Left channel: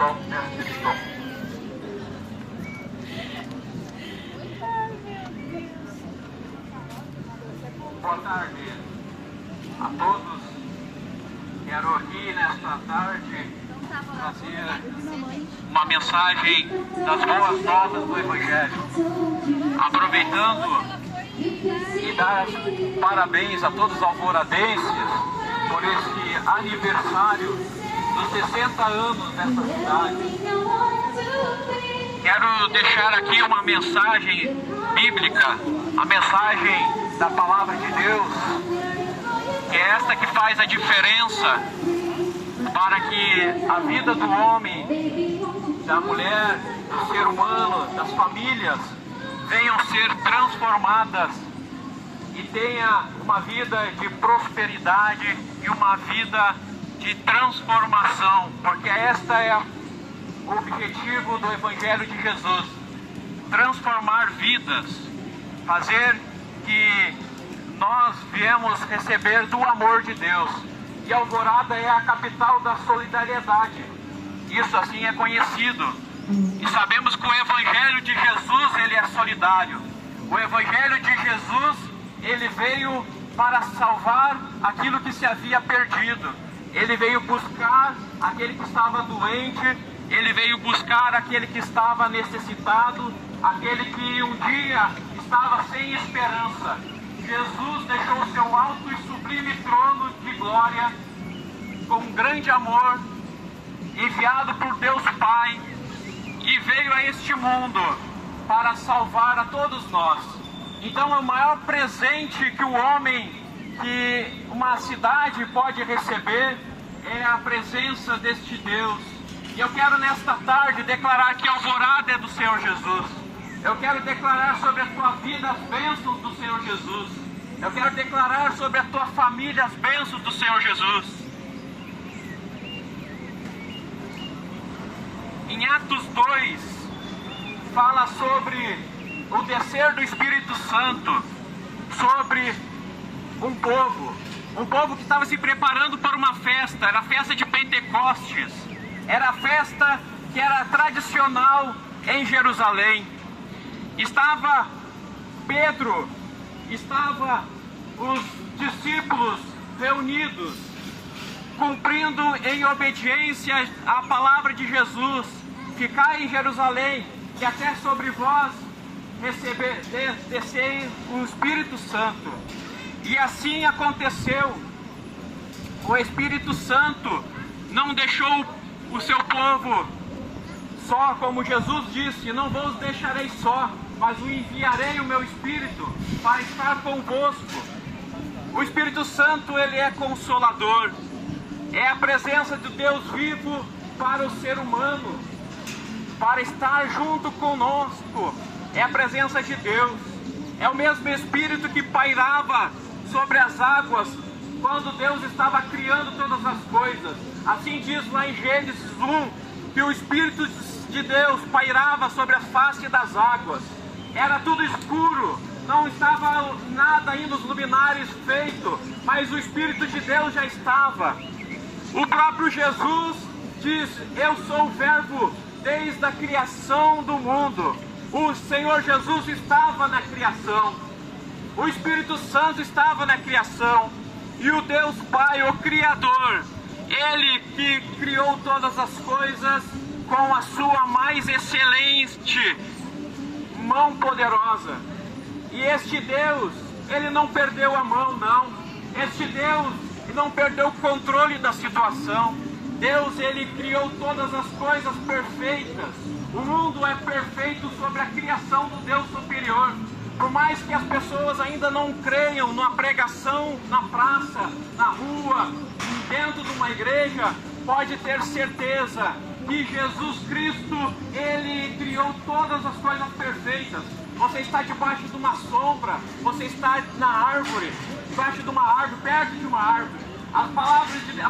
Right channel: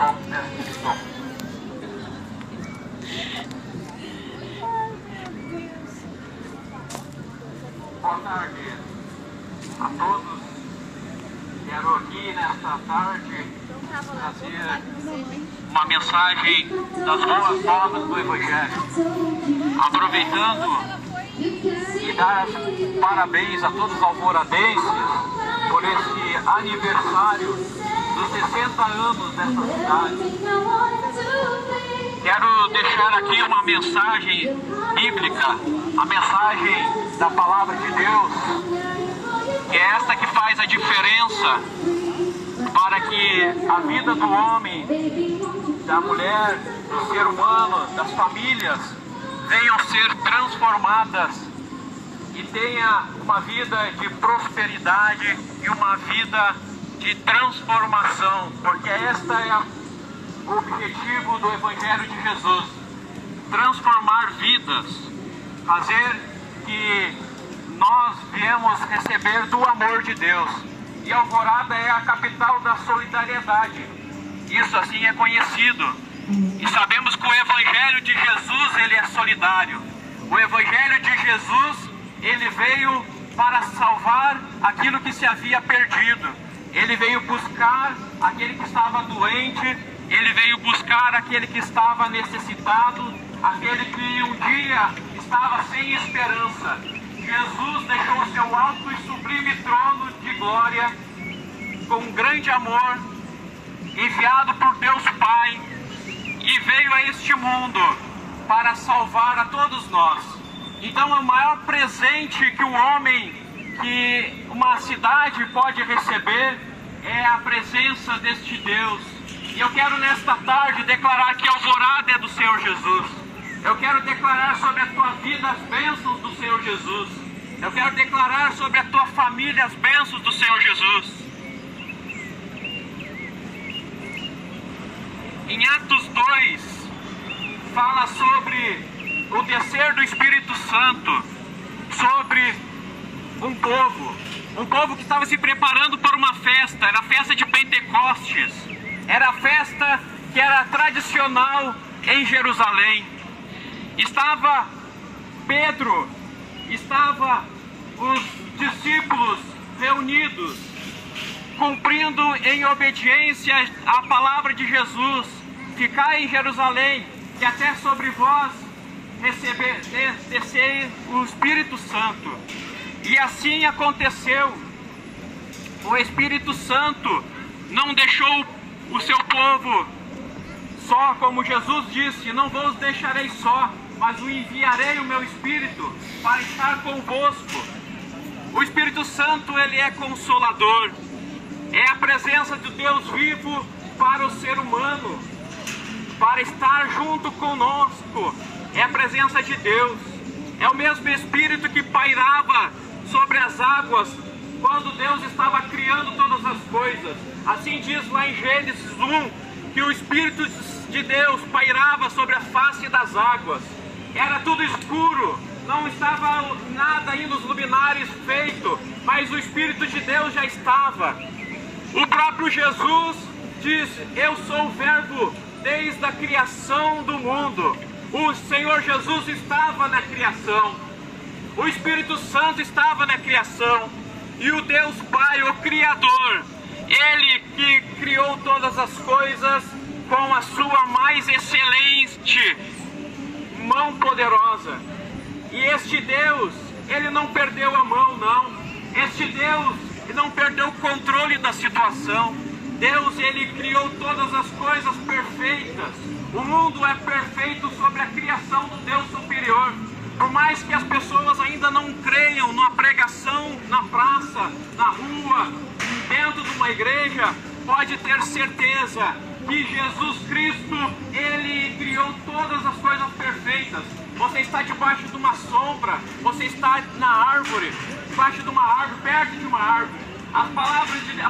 som deste som. Boa tarde a todos. Quero aqui nesta tarde trazer uma mensagem das boas novas do Evangelho, aproveitando e dar parabéns a todos os alvoradenses por este aniversário dos 60 anos dessa cidade. Quero deixar aqui uma mensagem bíblica, a mensagem da Palavra de Deus, que é essa que faz a diferença para que a vida do homem, da mulher, do ser humano, das famílias venham ser transformadas e tenha uma vida de prosperidade e uma vida de transformação, porque esta é o objetivo do Evangelho de Jesus: transformar vidas, fazer que nós viemos receber do amor de Deus. E Alvorada é a capital da solidariedade. Isso assim é conhecido. E sabemos que o Evangelho de Jesus, ele é solidário. O Evangelho de Jesus, ele veio para salvar aquilo que se havia perdido. Ele veio buscar aquele que estava doente, ele veio buscar aquele que estava necessitado, aquele que um dia estava sem esperança. Jesus deixou o seu alto e sublime trono de glória com um grande amor, enviado por Deus Pai, e veio a este mundo para salvar a todos nós. Então, o maior presente que o homem, que uma cidade pode receber, é a presença deste Deus. E eu quero nesta tarde declarar que a Alvorada é do Senhor Jesus. Eu quero declarar sobre a tua vida as bênçãos do Senhor Jesus. Eu quero declarar sobre a tua família as bênçãos do Senhor Jesus. Em Atos 2, fala sobre o descer do Espírito Santo sobre um povo que estava se preparando para uma festa. Era a festa de Pentecostes, era a festa que era tradicional em Jerusalém. Estava Pedro, estava os discípulos reunidos, cumprindo em obediência à palavra de Jesus: ficai em Jerusalém, que até sobre vós descer o Espírito Santo. E assim aconteceu. O Espírito Santo não deixou o seu povo só, como Jesus disse: não vos deixarei só, mas o enviarei o meu Espírito para estar convosco. O Espírito Santo, ele é consolador, é a presença de Deus vivo para o ser humano, para estar junto conosco. É a presença de Deus, é o mesmo Espírito que pairava sobre as águas quando Deus estava criando todas as coisas. Assim diz lá em Gênesis 1, que o Espírito de Deus pairava sobre a face das águas. Era tudo escuro, não estava nada ainda os luminares feito, mas o Espírito de Deus já estava. O próprio Jesus diz: eu sou o Verbo desde a criação do mundo. O Senhor Jesus estava na criação, o Espírito Santo estava na criação, e o Deus Pai, o Criador, Ele que criou todas as coisas com a sua mais excelente mão poderosa. E este Deus, Ele não perdeu a mão, não. Este Deus, Ele não perdeu o controle da situação. Deus, Ele criou todas as coisas perfeitas. O mundo é perfeito sobre a criação do Deus superior. Por mais que as pessoas ainda não creiam numa pregação na praça, na rua, dentro de uma igreja, pode ter certeza que Jesus Cristo, Ele criou todas as coisas perfeitas. Você está debaixo de uma sombra, você está na árvore, debaixo de uma árvore, perto de uma árvore. A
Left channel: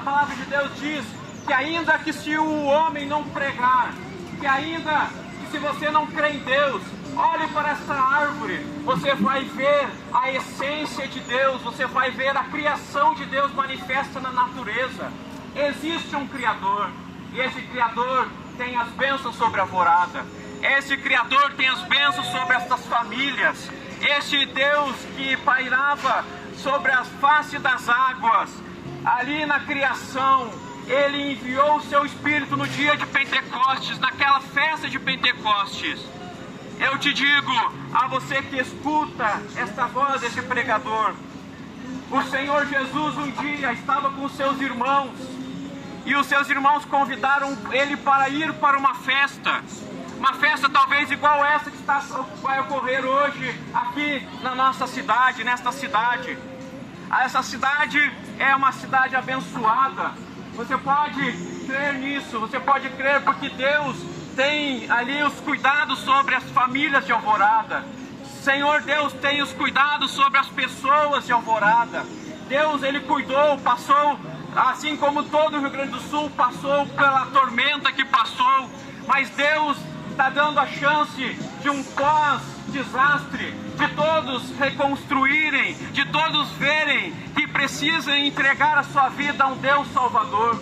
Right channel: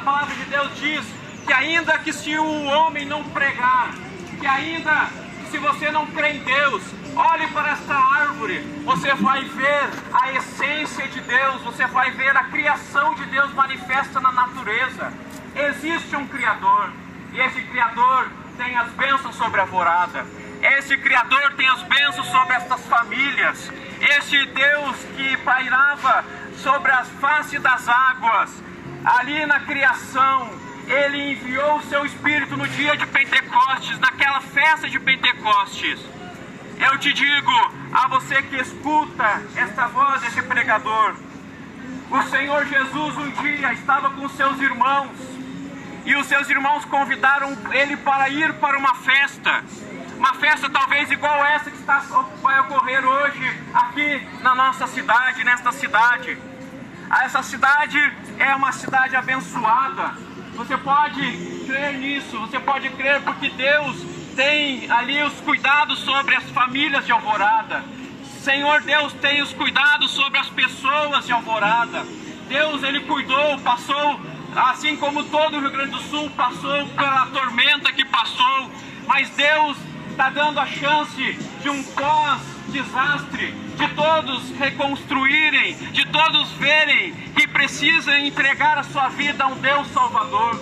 palavra de Deus diz que ainda que se o homem não pregar, que ainda se você não crê em Deus, olhe para essa árvore, você vai ver a essência de Deus, você vai ver a criação de Deus manifesta na natureza. Existe um Criador, e esse Criador tem as bênçãos sobre a Alvorada. Esse Criador tem as bênçãos sobre estas famílias. Esse Deus que pairava sobre a face das águas, ali na criação, Ele enviou o seu Espírito no dia de Pentecostes, naquela festa de Pentecostes. Eu te digo, a você que escuta esta voz desse pregador, o Senhor Jesus um dia estava com seus irmãos, e os seus irmãos convidaram Ele para ir para uma festa talvez igual essa que vai ocorrer hoje aqui na nossa cidade, nesta cidade. Essa cidade é uma cidade abençoada. Você pode crer nisso, você pode crer porque Deus tem ali os cuidados sobre as famílias de Alvorada. Senhor Deus tem os cuidados sobre as pessoas de Alvorada. Deus, Ele cuidou, passou, assim como todo o Rio Grande do Sul passou pela tormenta que passou, mas Deus está dando a chance de um pós-desastre, de todos reconstruírem, de todos verem que precisam entregar a sua vida a um Deus Salvador.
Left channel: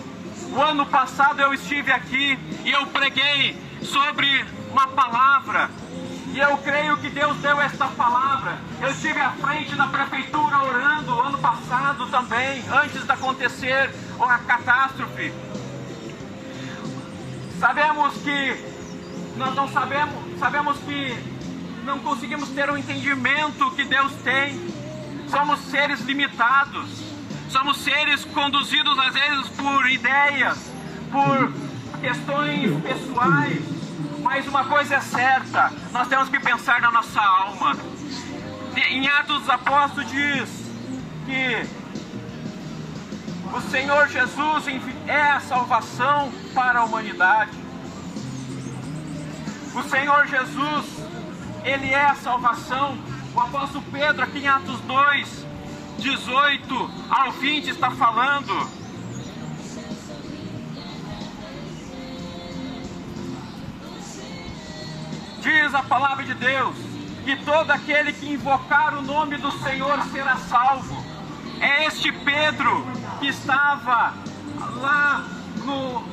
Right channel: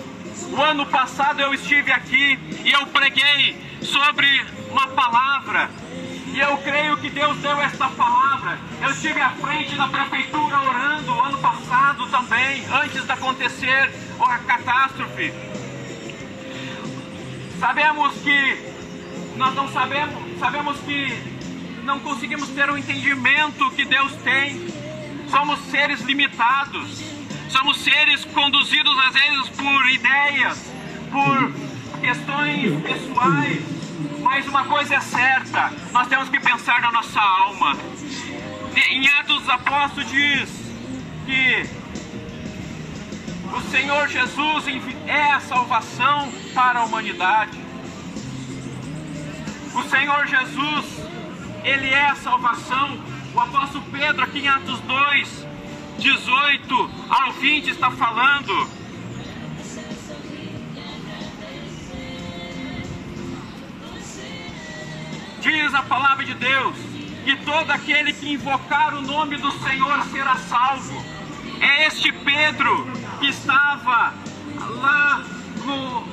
O ano passado eu estive aqui e eu preguei sobre uma palavra, e eu creio que Deus deu esta palavra. Eu estive à frente da prefeitura orando ano passado também, antes de acontecer a catástrofe. Sabemos que nós não sabemos que não conseguimos ter o entendimento que Deus tem. Somos seres limitados, somos seres conduzidos às vezes por ideias, por questões pessoais, mas uma coisa é certa, nós temos que pensar na nossa alma. Em Atos dos Apóstolos diz que o Senhor Jesus é a salvação para a humanidade. O Senhor Jesus, Ele é a salvação. O apóstolo Pedro, aqui em Atos 2, 18 ao 20, está falando: diz a palavra de Deus que todo aquele que invocar o nome do Senhor será salvo. É este Pedro que estava lá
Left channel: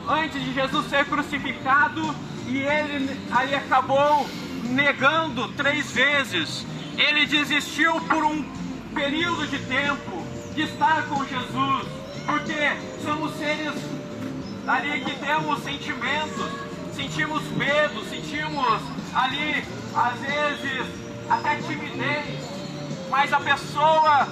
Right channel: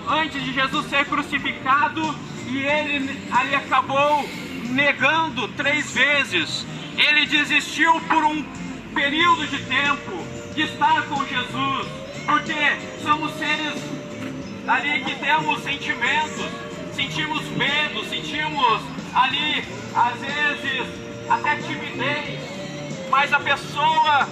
antes de Jesus ser crucificado, e ele ali acabou negando 3 vezes. Ele desistiu por um período de tempo de estar com Jesus, porque somos seres ali que temos sentimentos, sentimos medo, sentimos ali às vezes até timidez, mas a pessoa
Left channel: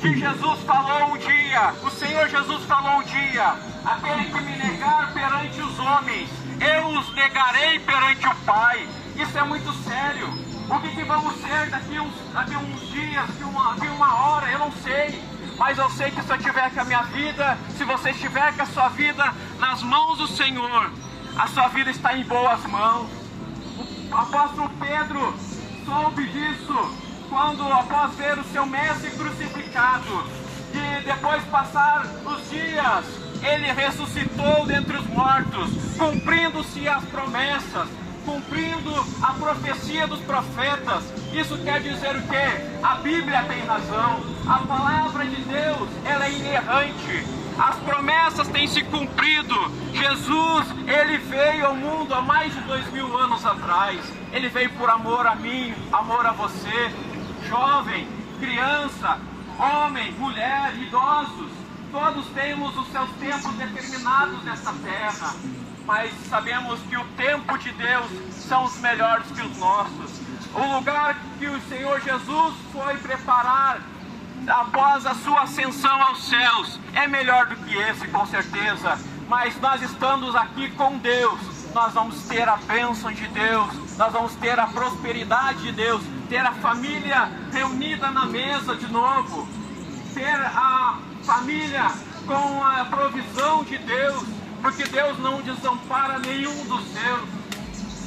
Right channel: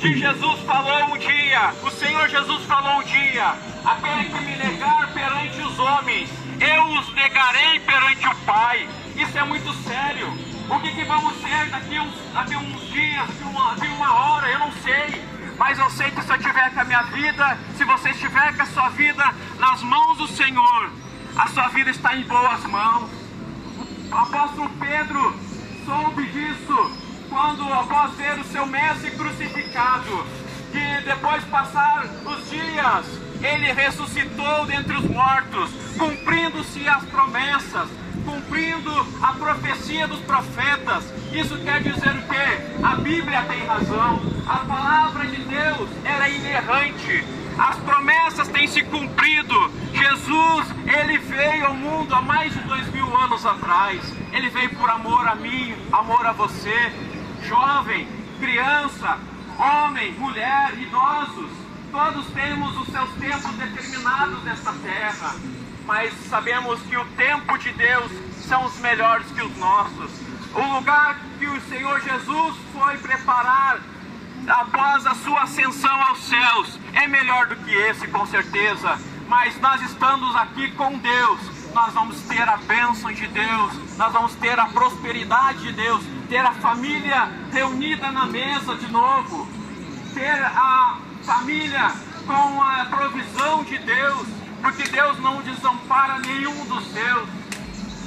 que Jesus falou um dia, o Senhor Jesus falou um dia: aquele que me negar perante os homens, eu os negarei perante o Pai. Isso é muito sério. O que vamos ser daqui uns dias, daqui uma hora, eu não sei. Mas eu sei que se eu tiver com a minha vida, se você estiver com a sua vida nas mãos do Senhor, a sua vida está em boas mãos. O apóstolo Pedro soube disso quando, após ver o seu mestre crucificado, que depois de passar os dias, ele ressuscitou dentre os mortos, cumprindo-se as promessas, cumprindo a profecia dos profetas. Isso quer dizer o quê? A Bíblia tem razão, a palavra de Deus, ela é inerrante, as promessas têm se cumprido. Jesus, Ele veio ao mundo há mais de 2000 anos atrás. Ele veio por amor a mim, amor a você, jovem, criança, homem, mulher, idosos. Todos temos os seus tempos determinados nesta terra, mas sabemos que o tempo de Deus são os melhores que os nossos. O lugar que o Senhor Jesus foi preparar após a sua ascensão aos céus é melhor do que esse, com certeza. Mas nós estamos aqui com Deus, nós vamos ter a bênção de Deus, nós vamos ter a prosperidade de Deus, ter a família reunida na mesa de novo, ter a família com a provisão de Deus, porque Deus não desampara nenhum dos seus.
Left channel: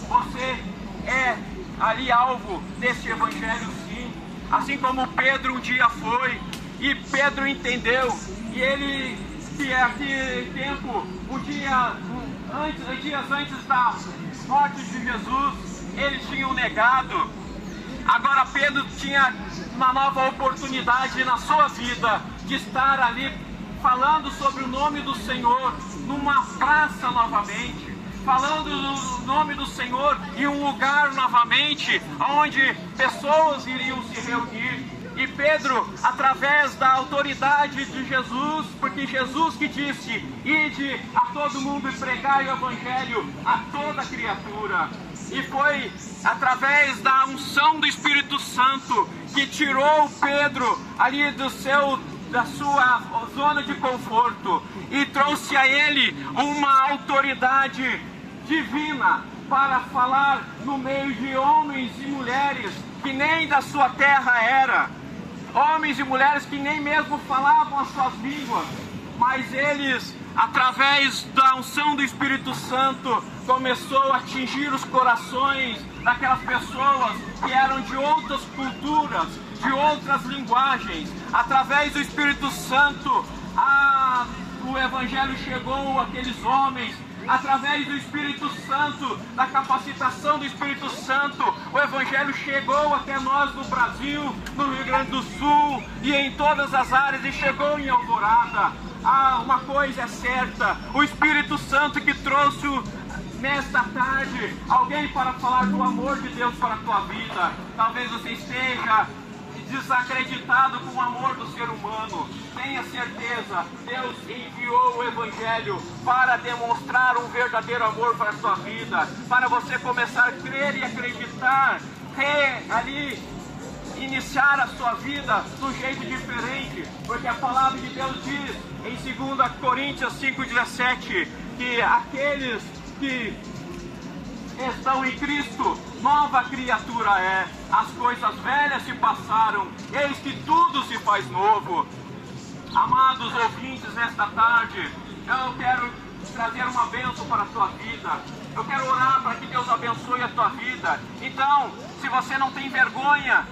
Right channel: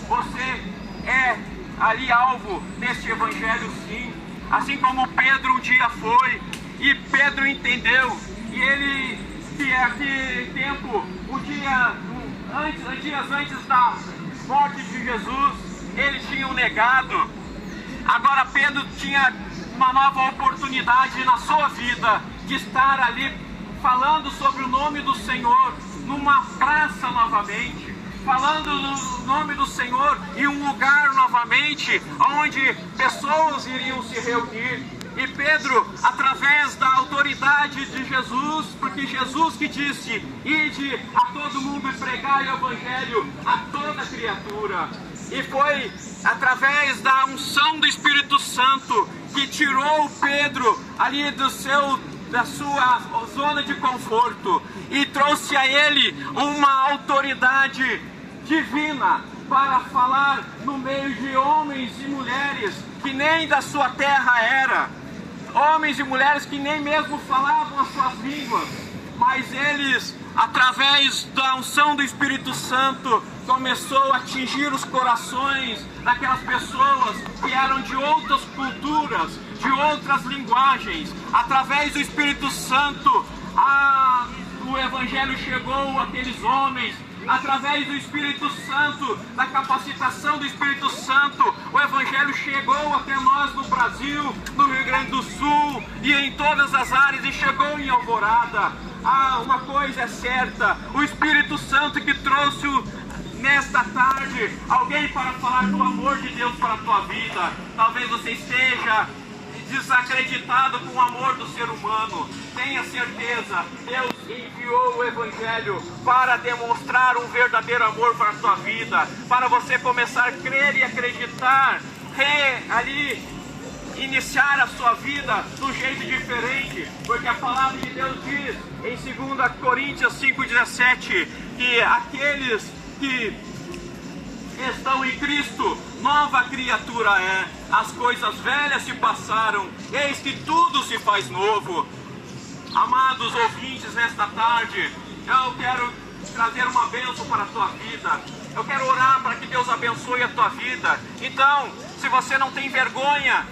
Você é ali alvo deste evangelho, sim, assim como Pedro um dia foi, e Pedro entendeu, e ele, que é aquele tempo, dias antes da morte de Jesus, eles tinham negado. Agora Pedro tinha uma nova oportunidade na sua vida de estar ali falando sobre o nome do Senhor numa praça novamente, falando no nome do Senhor em um lugar novamente, onde pessoas iriam se reunir. E Pedro, através da autoridade de Jesus, porque Jesus que disse: ide a todo mundo e pregai o Evangelho a toda criatura. E foi através da unção do Espírito Santo que tirou Pedro ali da sua zona de conforto e trouxe a ele uma autoridade divina para falar no meio de homens e mulheres que nem da sua terra era. Homens e mulheres que nem mesmo falavam as suas línguas, mas eles, através da unção do Espírito Santo, começou a atingir os corações daquelas pessoas que eram de outras culturas, de outras linguagens. Através do Espírito Santo, o Evangelho chegou àqueles homens. Através do Espírito Santo, da capacitação do Espírito Santo, o Evangelho chegou até nós no Brasil, no Rio Grande do Sul e em todas as áreas, e chegou em Alvorada. Uma coisa é certa: o Espírito Santo que trouxe nesta tarde alguém para falar do amor de Deus para a tua vida. Talvez você esteja desacreditado com o amor do ser humano. Tenha certeza, Deus enviou o Evangelho para demonstrar um verdadeiro amor para a sua vida, para você começar a crer e acreditar, iniciar a sua vida de um jeito diferente, porque a palavra de Deus diz em 2 Coríntios 5,17 que aqueles que estão em Cristo, nova criatura é. As coisas velhas se passaram, eis que tudo se faz novo. Amados ouvintes, nesta tarde, eu quero trazer uma bênção para a tua vida. Eu quero orar para que Deus abençoe a tua vida. Então, se você não tem vergonha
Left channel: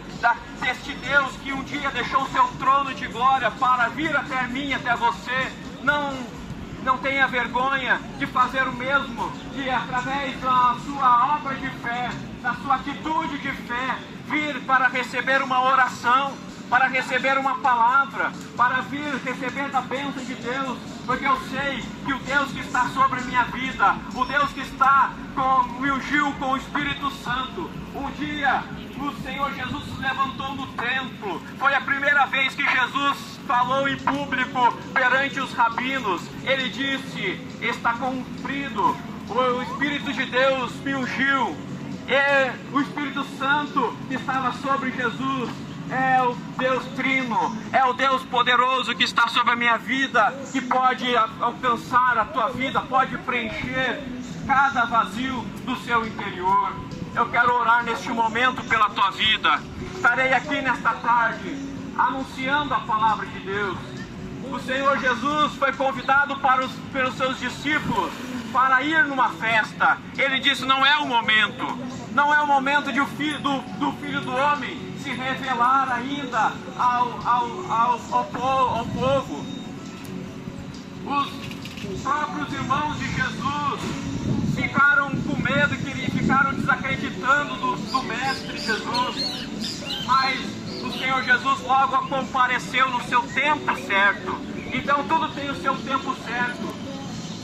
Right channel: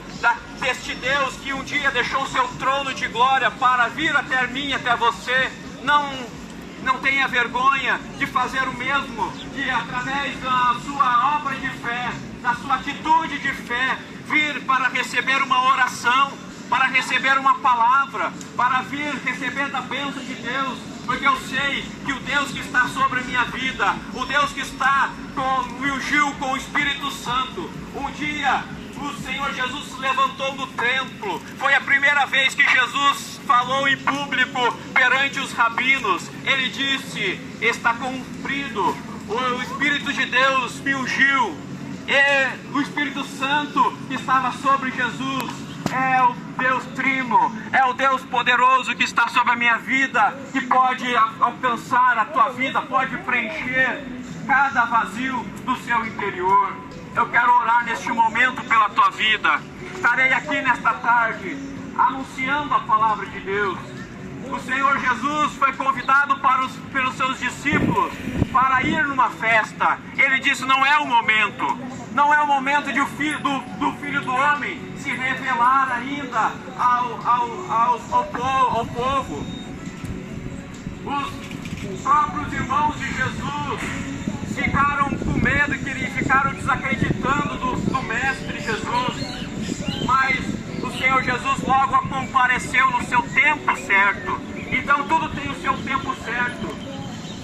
deste Deus que um dia deixou o seu trono de glória para vir até mim, até você, não tenha vergonha de fazer o mesmo, de através da sua obra de fé, da sua atitude de fé, vir para receber uma oração, para receber uma palavra, para vir receber da bênção de Deus, porque eu sei que o Deus que está sobre a minha vida, o Deus que me ungiu com o Espírito Santo, um dia o Senhor Jesus se levantou no templo. Foi a primeira vez que Jesus falou em público perante os rabinos. Ele disse: está cumprido, o Espírito de Deus me ungiu. E o Espírito Santo que estava sobre Jesus é o Deus Trino, é o Deus poderoso que está sobre a minha vida, que pode alcançar a tua vida, pode preencher cada vazio do seu interior. Eu quero orar neste momento pela tua vida. Estarei aqui nesta tarde anunciando a palavra de Deus. O Senhor Jesus foi convidado pelos seus discípulos para ir numa festa. Ele disse: não é o momento, não é o momento de do Filho do Homem se revelar ainda ao povo. Os próprios irmãos de Jesus ficaram com medo e ficaram desacreditando do Mestre Jesus, mas o Senhor Jesus logo compareceu no seu tempo certo. Então tudo tem o seu tempo certo.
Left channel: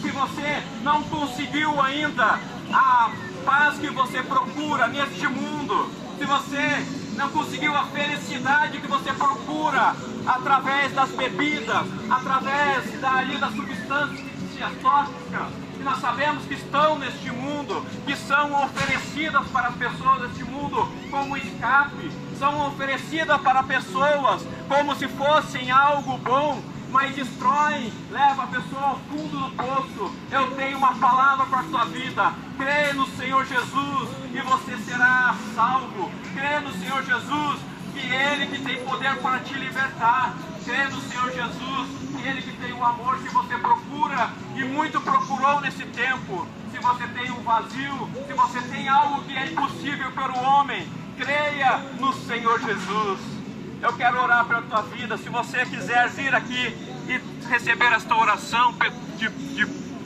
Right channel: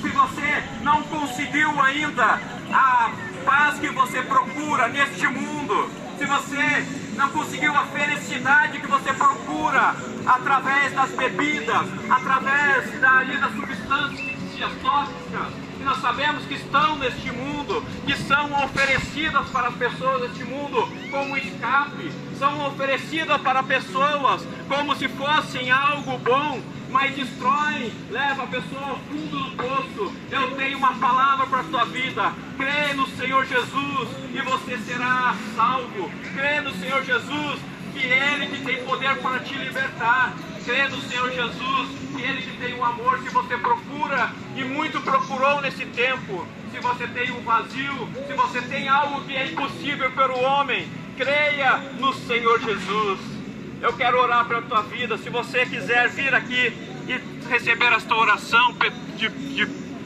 Se você não conseguiu ainda a paz que você procura neste mundo, se você não conseguiu a felicidade que você procura através das bebidas, através das substâncias tóxicas, que nós sabemos que estão neste mundo, que são oferecidas para as pessoas deste mundo como escape, são oferecidas para pessoas como se fossem algo bom, mas destroem, leva a pessoa ao fundo do poço. Eu tenho uma palavra para a tua vida: crê no Senhor Jesus e você será salvo. Crê no Senhor Jesus, que Ele que tem poder para te libertar. Crê no Senhor Jesus, que Ele que tem um amor que você procura e muito procurou nesse tempo. Se você tem um vazio, se você tem algo que é impossível para o homem, creia no Senhor Jesus. Eu quero orar para a tua vida. Se você quiser vir aqui e receber esta oração de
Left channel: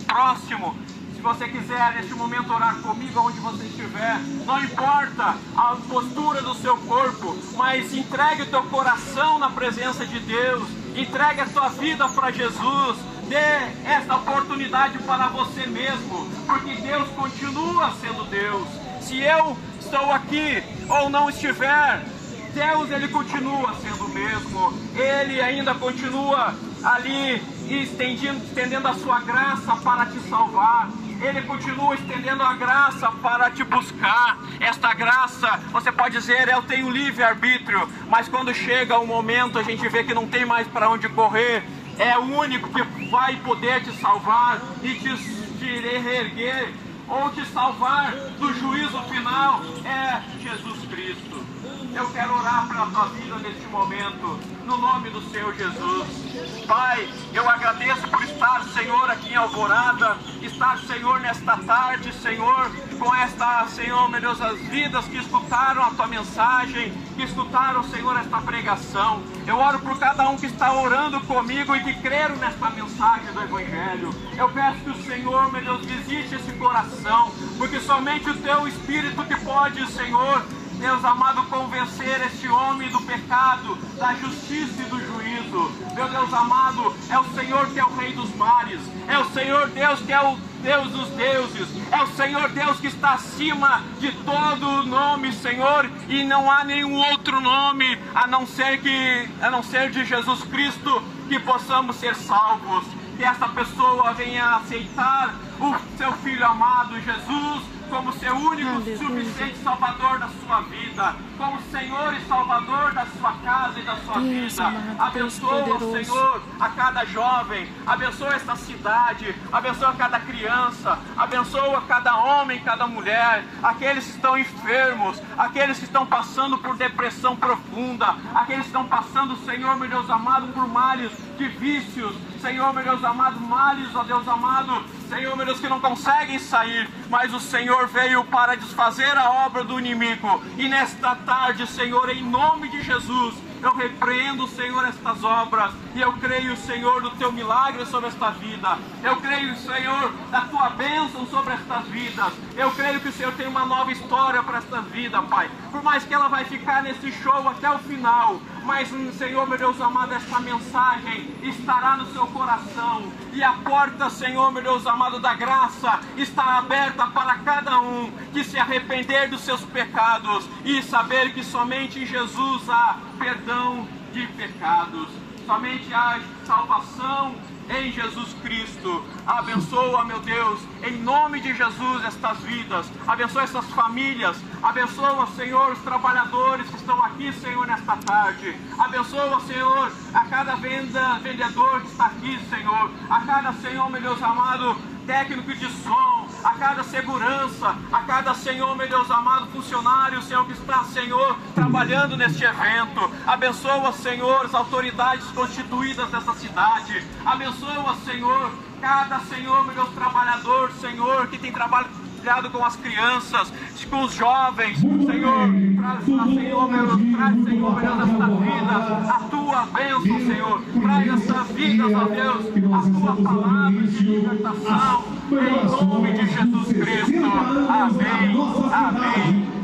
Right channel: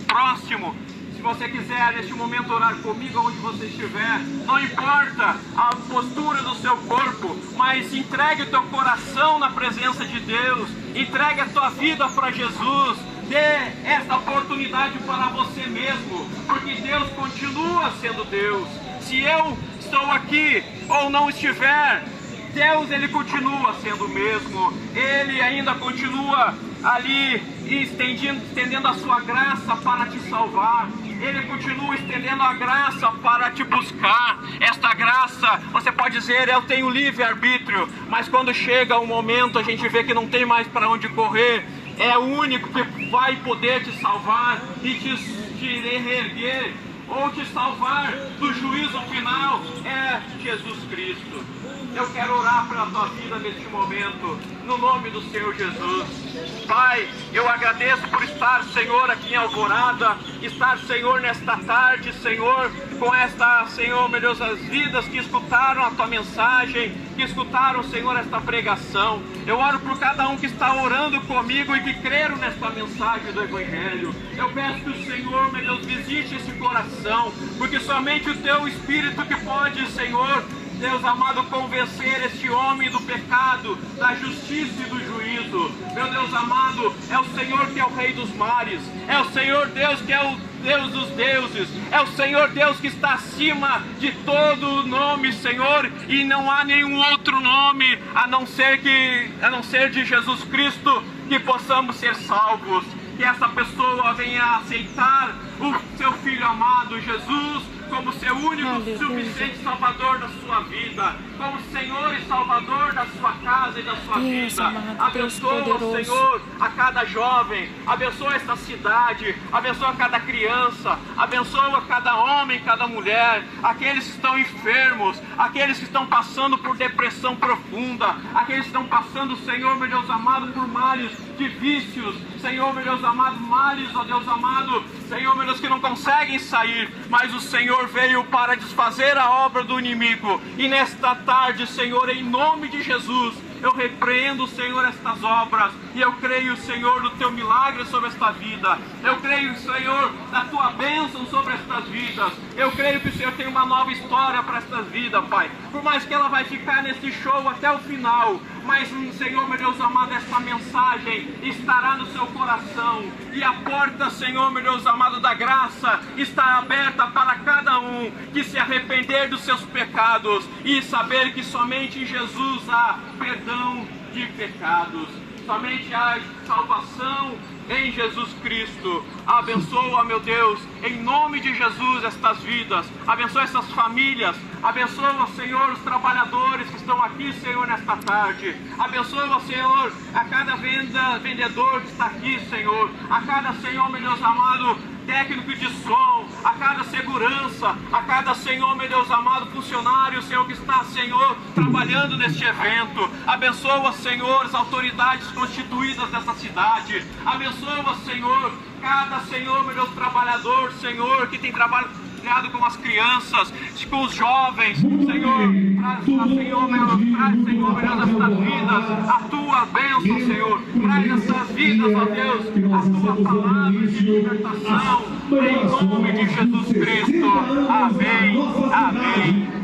próximo, se você quiser neste momento orar comigo onde você estiver, não importa a postura do seu corpo, mas entregue o teu coração na presença de Deus, entregue a tua vida para Jesus, Dê esta oportunidade para você mesmo, porque Deus continua sendo Deus. Se eu estou aqui ou não estiver, Deus, Ele continua sendo o mesmo. Ele ainda continua ali estendendo a sua graça para te salvar. Ele continua estendendo a graça para te buscar. Esta graça, você pode dizer, eu tenho livre-arbítrio, mas quando chega o momento, a gente vê que não tem mais para onde correr. É o único que vai poder te salvar e te reerguer, ou te salvar do juízo final, é Jesus Cristo. Eu quero orar pela tua vida neste momento, no nome do Senhor Jesus. Pai, eu agradeço por estar, Senhor, aqui em Alvorada, estar, Senhor, nesta tarde, Senhor, com esta, Senhor, meu Deus, as vidas que escutaram a tua mensagem, que escutaram, Senhor, esta pregação. Eu oro por cada um que está orando comigo e que creram nesta mensagem do Evangelho. Eu peço que o Senhor, meu Deus, visite esse coração, porque somente o teu Espírito que pode, Senhor, Deus amado, convencer este homem do pecado, da justiça e do juízo. Meu Deus amado, é o Senhor que é o Rei dos mares, é o Senhor Deus que é o Deus dos deuses, é o Senhor Deus que está acima de todo nome, Senhor, e não há nenhum outro nome a não ser de Jesus Cristo que possamos ser salvos. Que essa pessoa venha aceitar o seu Filho amado Jesus como seu único e suficiente Salvador da sua vida, como Senhor e Salvador da sua casa e da sua vida. Abençoa, Senhor, a cada jovem, abençoa esta cidade, abençoa cada criança, abençoa cada homem, cada mulher, aqueles que estão enfermos, aqueles que estão passando por depressão profunda, aqueles que estão passando, Senhor, meu Deus amado, por males de vícios, Senhor, meu Deus amado, males, ó Deus amado, Senhor, meu Deus, que não conseguem sair, mas o Senhor veio para desfazer a obra do inimigo. E nesta tarde, Senhor, em nome de Jesus, eu repreendo, Senhor, estas obras, e eu creio, Senhor, no teu milagre sobre esta vida. Eu creio, Senhor, na tua bênção sobre estas vidas. Eu creio que o Senhor tem uma nova história para esta vida, Pai. Por mais que ela vai ficar nesse show até o final, mas, Senhor, meu Deus amado, esta mensagem estará no seu coração. E a porta, Senhor, meu Deus amado, da graça está aberta para cada um que se arrepender dos seus pecados e saber que somente em Jesus há perdão de pecados. Somente há salvação em Jesus Cristo. Abençoa, meu Deus, em nome de Jesus, estas vidas. Abençoa essas famílias. Abençoa, Senhor, os trabalhadores que estão aqui, Senhor, nesta tarde. Abençoa, Senhor, a cada vendedor que está aqui, Senhor. A cada, Senhor, meu Deus amado, técnico de som, a cada segurança, a cada, Senhor, meu Deus amado, funcionário, Senhor, que está, Senhor, trabalhando neste evento. Abençoa, Senhor, as autoridades constituídas dessa cidade. Abençoa, Senhor, cada, Senhor, meu Deus, trabalhador, Senhor, que tem trabalhado com as crianças, com os jovens, Senhor, traz, Senhor, meu Deus, essas vidas, a tua bênção, Senhor, traz essas vidas, ó Deus, a tua palavra de libertação, em nome de Jesus Cristo. Amém, amém.